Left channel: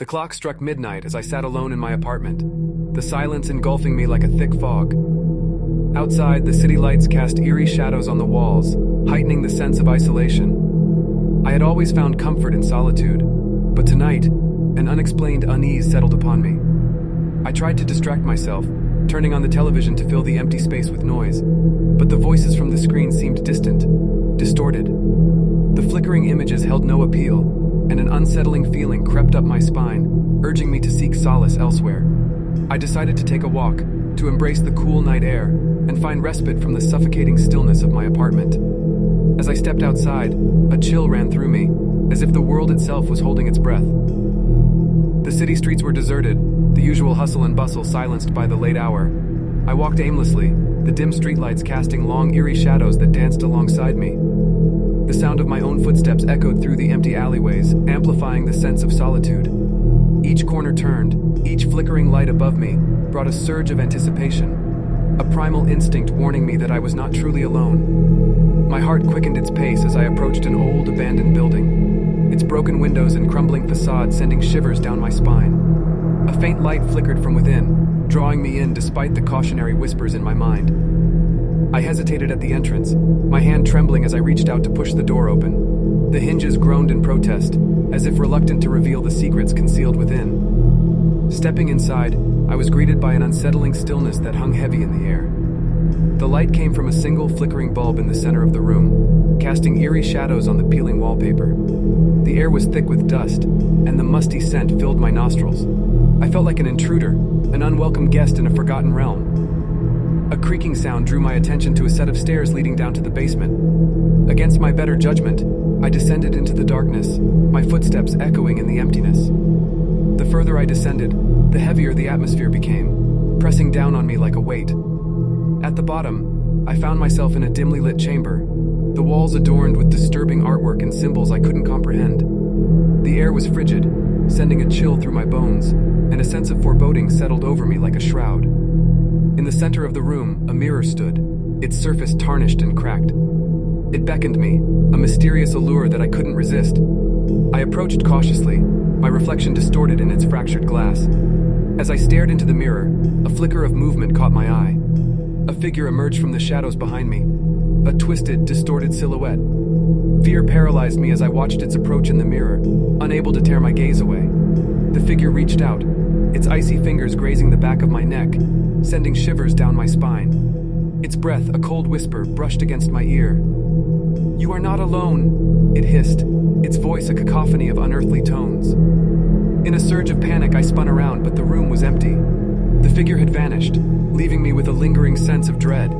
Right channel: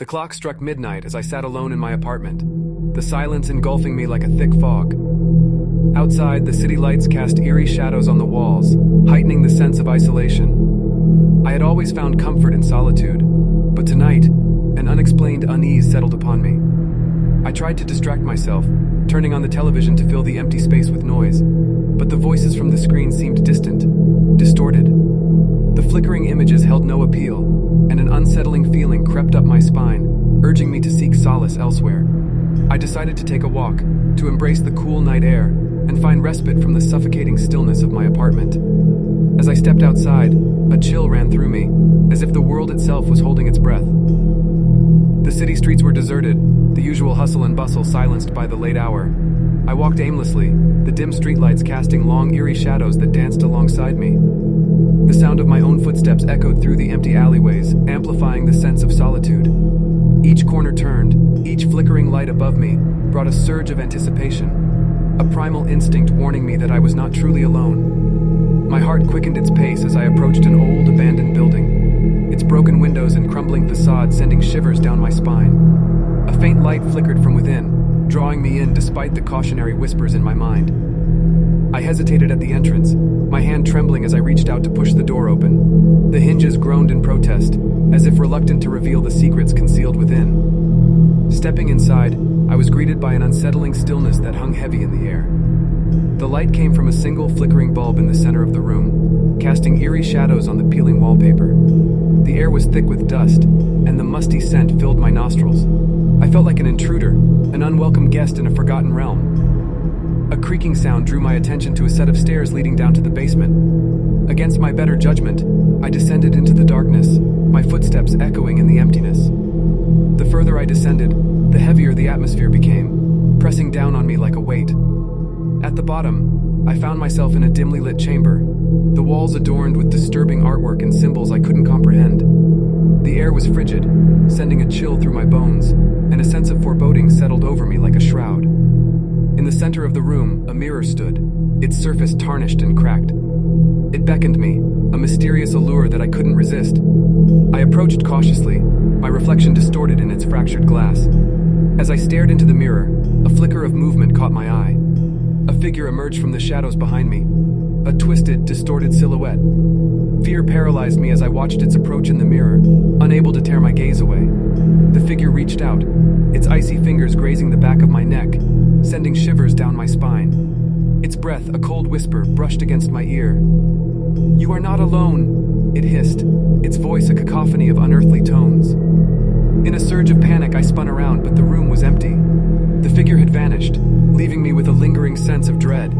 The clock struck midnight as I sat alone in my apartment, the silence engulfing me like a thick fog. Outside, the city lights cast eerie shadows on the walls, heightening the sense of isolation. I had always found comfort in solitude, but tonight, an unexplained unease settled upon me. I tried to distract myself, turning on the television to fill the empty space with noise, but the voices from the screen seemed distant, distorted. The flickering images held no appeal, and an unsettling feeling crept up my spine, urging me to seek solace elsewhere. I decided to take a walk, to embrace the cool night air, and find respite from the suffocating stillness of my apartment. As I stepped outside, a chill ran through me, as if the world itself was holding its breath. The city streets were deserted, the usual hustle and bustle silenced by the late hour. I walked aimlessly, the dim streetlights casting long, eerie shadows that danced alongside me. The sound of my own footsteps echoed through the empty alleyways, amplifying the sense of solitude. Each corner turned, each flickering light above me brought a surge of anticipation, a primal instinct warning me that I was not truly alone. My heart quickened its pace as I approached an old, abandoned building, its broken windows and crumbling facade sending shivers down my spine. A faint light flickered from within, drawing me in despite the cautionary whispers in my mind. I hesitated at the entrance, my hand trembling as I reached out to push the door open. The hinges groaned in protest, as if reluctant to reveal the secrets concealed within. Stepping inside, I was greeted by an unsettling stillness that hung heavy in the air. The light came from a single flickering bulb in the center of the room, casting eerie shadows on the peeling wallpaper. The air was thick with dust, and the musty scent filled my nostrils. I felt like an intruder, an unwelcome guest in a forgotten realm. A creaking sound drew my attention to a set of stairs leading down to the basement. Against my better judgment, I descended into the darkness, my footsteps echoing in the emptiness. The further I descended, the heavier the atmosphere became, pressing down on me like a weight. At the bottom, I found myself in a dimly lit chamber, the walls adorned with disturbing artwork and symbols I couldn't comprehend. The air was frigid, sending a chill through my bones, and a sense of foreboding settled over me like a shroud. In the center of the room, a mirror stood, its surface tarnished and cracked. It beckoned me, a mysterious allure that I couldn't resist. I approached cautiously, my reflection distorted in its fractured glass. As I stared into the mirror, a flicker of movement caught my eye. A figure emerged from the shadows behind me, a twisted, distorted silhouette. Fear paralyzed me as I watched its approach in the mirror, unable to tear my gaze away. The figure reached out, its icy fingers grazing the back of my neck, sending shivers down my spine. Its breath, a cold whisper, brushed against my ear. "You are not alone," it hissed, its voice a cacophony of unearthly tones. In a surge of panic, I spun around, but the room was empty. The figure had vanished, leaving me with a lingering sense of dread.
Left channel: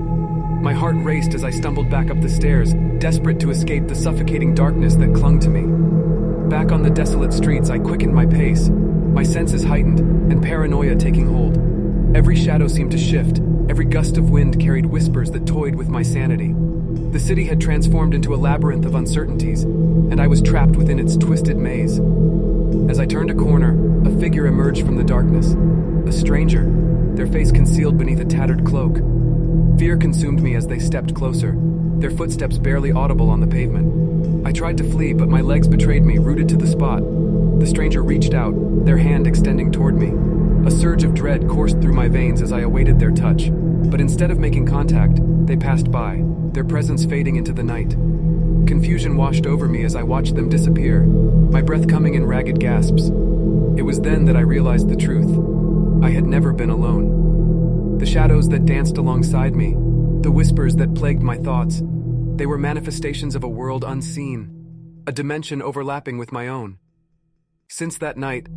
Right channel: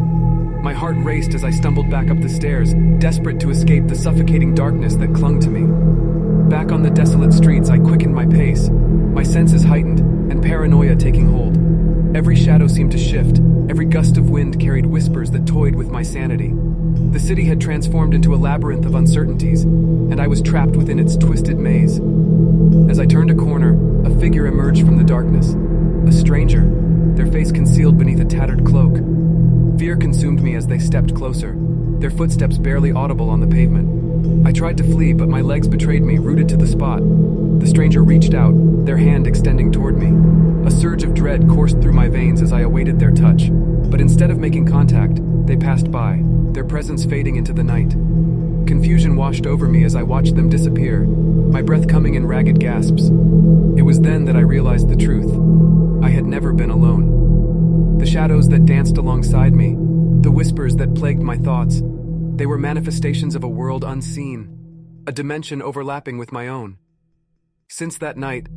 My heart raced as I stumbled back up the stairs, desperate to escape the suffocating darkness that clung to me. Back on the desolate streets, I quickened my pace, my senses heightened, and paranoia taking hold. Every shadow seemed to shift, every gust of wind carried whispers that toyed with my sanity. The city had transformed into a labyrinth of uncertainties, and I was trapped within its twisted maze. As I turned a corner, a figure emerged from the darkness. A stranger, their face concealed beneath a tattered cloak. Fear consumed me as they stepped closer, their footsteps barely audible on the pavement. I tried to flee, but my legs betrayed me, rooted to the spot. The stranger reached out, their hand extending toward me. A surge of dread coursed through my veins as I awaited their touch, but instead of making contact, they passed by, their presence fading into the night. Confusion washed over me as I watched them disappear, my breath coming in ragged gasps. It was then that I realized the truth. I had never been alone. The shadows that danced alongside me, the whispers that plagued my thoughts, they were manifestations of a world unseen, a dimension overlapping with my own. Since that night,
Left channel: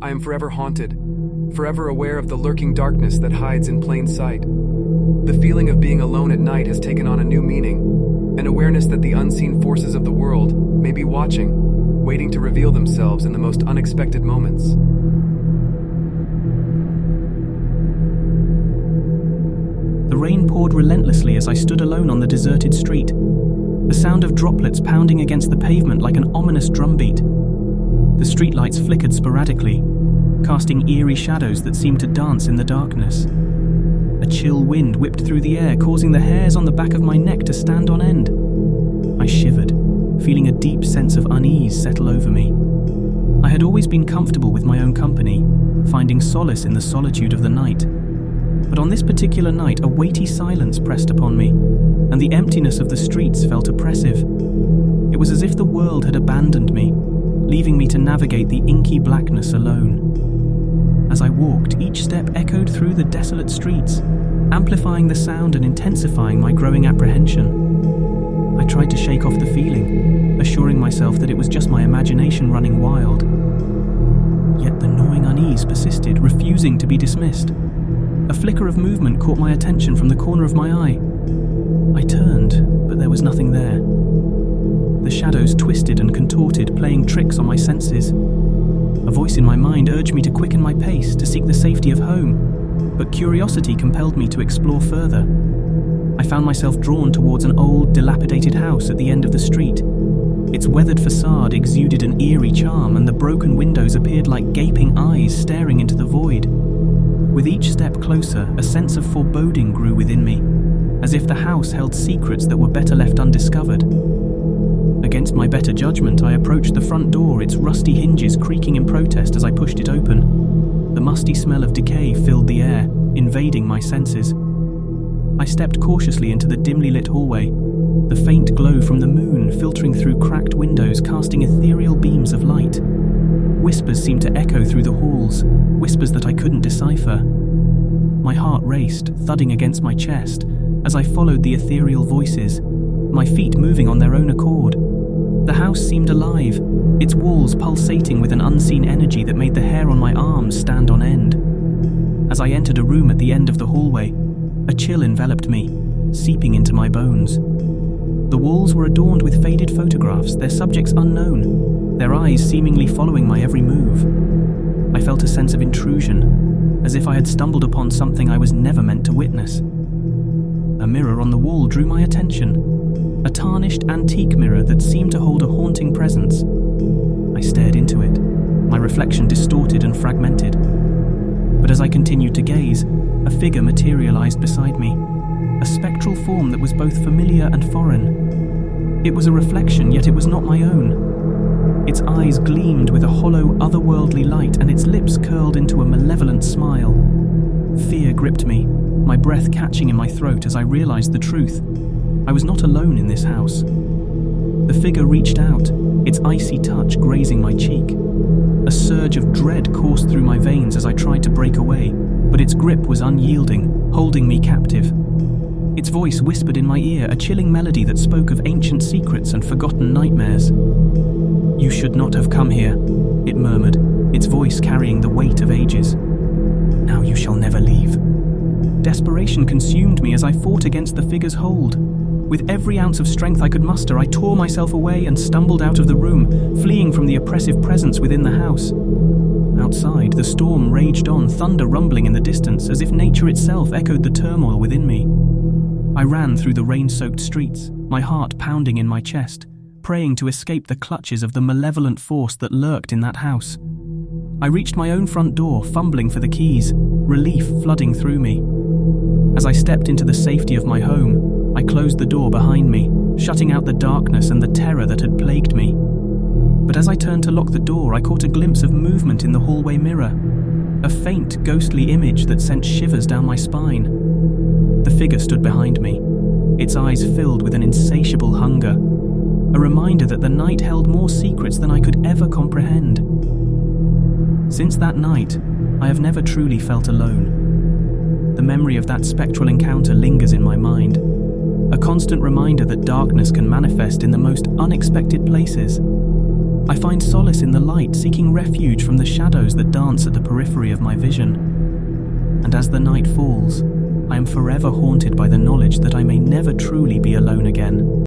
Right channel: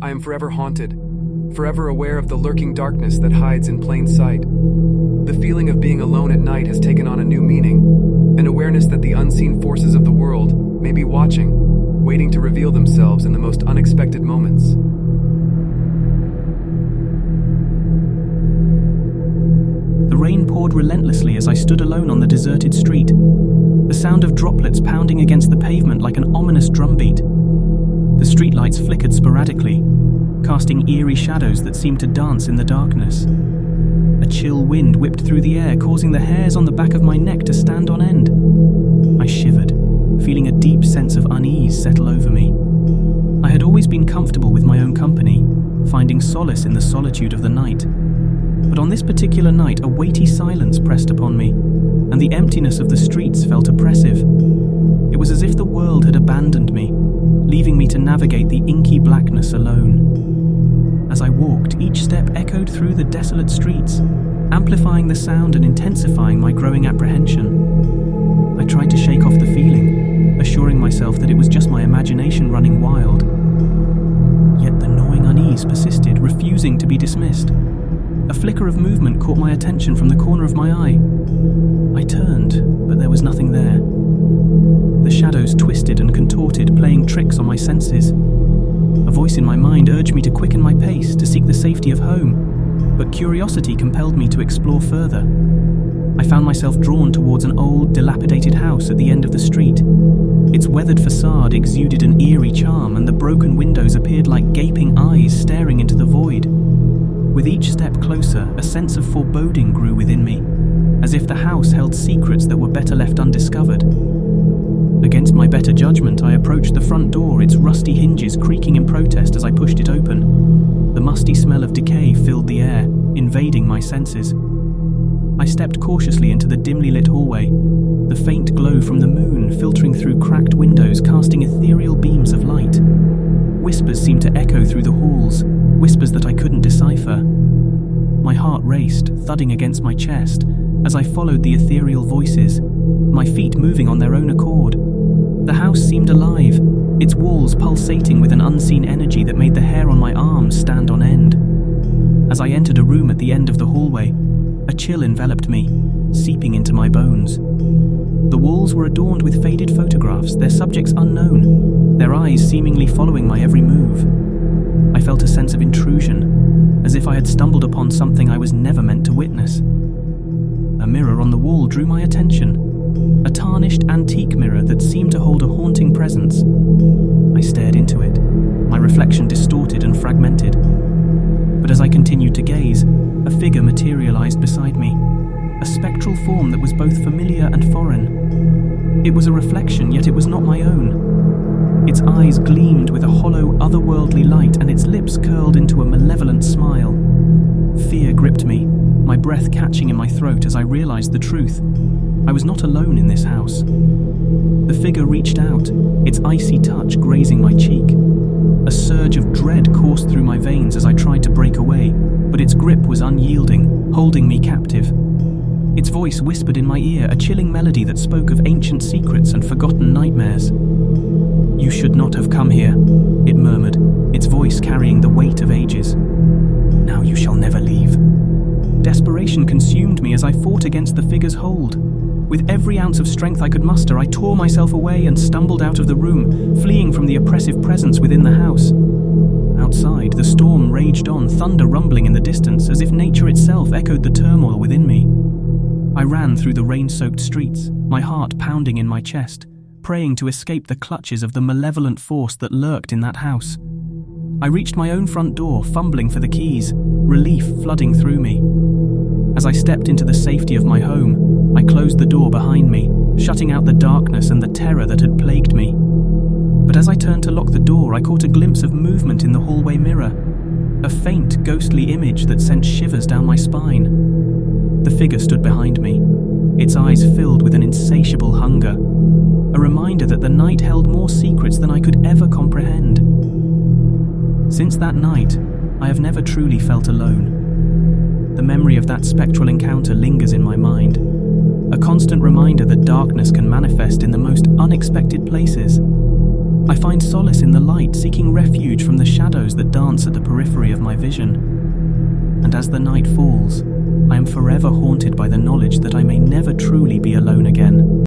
I am forever haunted, forever aware of the lurking darkness that hides in plain sight. The feeling of being alone at night has taken on a new meaning, an awareness that the unseen forces of the world may be watching, waiting to reveal themselves in the most unexpected moments. The rain poured relentlessly as I stood alone on the deserted street, the sound of droplets pounding against the pavement like an ominous drumbeat. The streetlights flickered sporadically, casting eerie shadows that seemed to dance in the darkness. A chill wind whipped through the air, causing the hairs on the back of my neck to stand on end. I shivered, feeling a deep sense of unease settle over me. I had always been comfortable with my own company, finding solace in the solitude of the night. But on this particular night, a weighty silence pressed upon me, and the emptiness of the streets felt oppressive. It was as if the world had abandoned me, leaving me to navigate the inky blackness alone. As I walked, each step echoed through the desolate streets, amplifying the sound and intensifying my growing apprehension. I tried to shake off the feeling, assuring myself that it was just my imagination running wild. Yet the gnawing unease persisted, refusing to be dismissed. A flicker of movement caught my attention from the corner of my eye. I turned, but there was nothing there. The shadows twisted and contorted, playing tricks on my senses. A voice in my mind urged me to quicken my pace, to seek the safety of home, but curiosity compelled me to explore further. I found myself drawn towards an old, dilapidated house at the end of the street. Its weathered facade exuded an eerie charm, and the broken windows appeared like gaping eyes staring into the void. With each step closer, a sense of foreboding grew within me, as if the house held secrets that were better left undiscovered. Against my better judgment, I approached the front door, its rusty hinges creaking in protest as I pushed it open. The musty smell of decay filled the air, invading my senses. I stepped cautiously into the dimly lit hallway, the faint glow from the moon filtering through cracked windows, casting ethereal beams of light. Whispers seemed to echo through the halls, whispers that I couldn't decipher. My heart raced, thudding against my chest, as I followed the ethereal voices, my feet moving on their own accord. The house seemed alive, its walls pulsating with an unseen energy that made the hair on my arms stand on end. As I entered a room at the end of the hallway, a chill enveloped me, seeping into my bones. The walls were adorned with faded photographs, their subjects unknown, their eyes seemingly following my every move. I felt a sense of intrusion, as if I had stumbled upon something I was never meant to witness. A mirror on the wall drew my attention, a tarnished antique mirror that seemed to hold a haunting presence. I stared into it, my reflection distorted and fragmented. But as I continued to gaze, a figure materialized beside me, a spectral form that was both familiar and foreign. It was a reflection, yet it was not my own. Its eyes gleamed with a hollow, otherworldly light, and its lips curled into a malevolent smile. Fear gripped me, my breath catching in my throat as I realized the truth. I was not alone in this house. The figure reached out, its icy touch grazing my cheek. A surge of dread coursed through my veins as I tried to break away, but its grip was unyielding, holding me captive. Its voice whispered in my ear, a chilling melody that spoke of ancient secrets and forgotten nightmares. "You should not have come here," it murmured, its voice carrying the weight of ages. "Now you shall never leave." Desperation consumed me as I fought against the figure's hold. With every ounce of strength I could muster, I tore myself away and stumbled out of the room, fleeing from the oppressive presence within the house. Outside, the storm raged on, thunder rumbling in the distance, as if nature itself echoed the turmoil within me. I ran through the rain-soaked streets, my heart pounding in my chest, praying to escape the clutches of the malevolent force that lurked in that house. I reached my own front door, fumbling for the keys, relief flooding through me. As I stepped into the safety of my home, I closed the door behind me, shutting out the darkness and the terror that had plagued me. But as I turned to lock the door, I caught a glimpse of movement in the hallway mirror, a faint, ghostly image that sent shivers down my spine. The figure stood behind me, its eyes filled with an insatiable hunger, a reminder that the night held more secrets than I could ever comprehend. Since that night, I have never truly felt alone. The memory of that spectral encounter lingers in my mind, a constant reminder that darkness can manifest in the most unexpected places. I find solace in the light, seeking refuge from the shadows that dance at the periphery of my vision. And as the night falls, I am forever haunted by the knowledge that I may never truly be alone again.